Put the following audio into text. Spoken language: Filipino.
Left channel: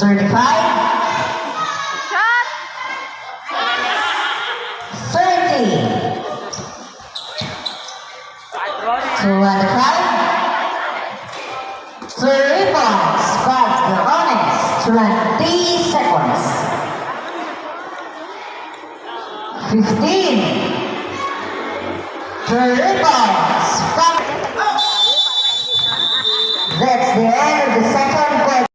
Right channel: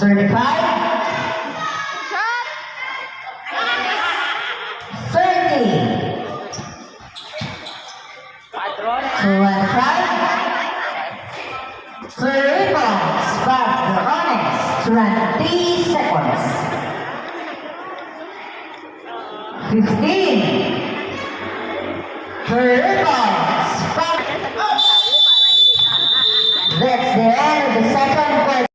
35, 30, 25, 3 rebounds, but the honest 20 seconds. 15, 3 rebounds.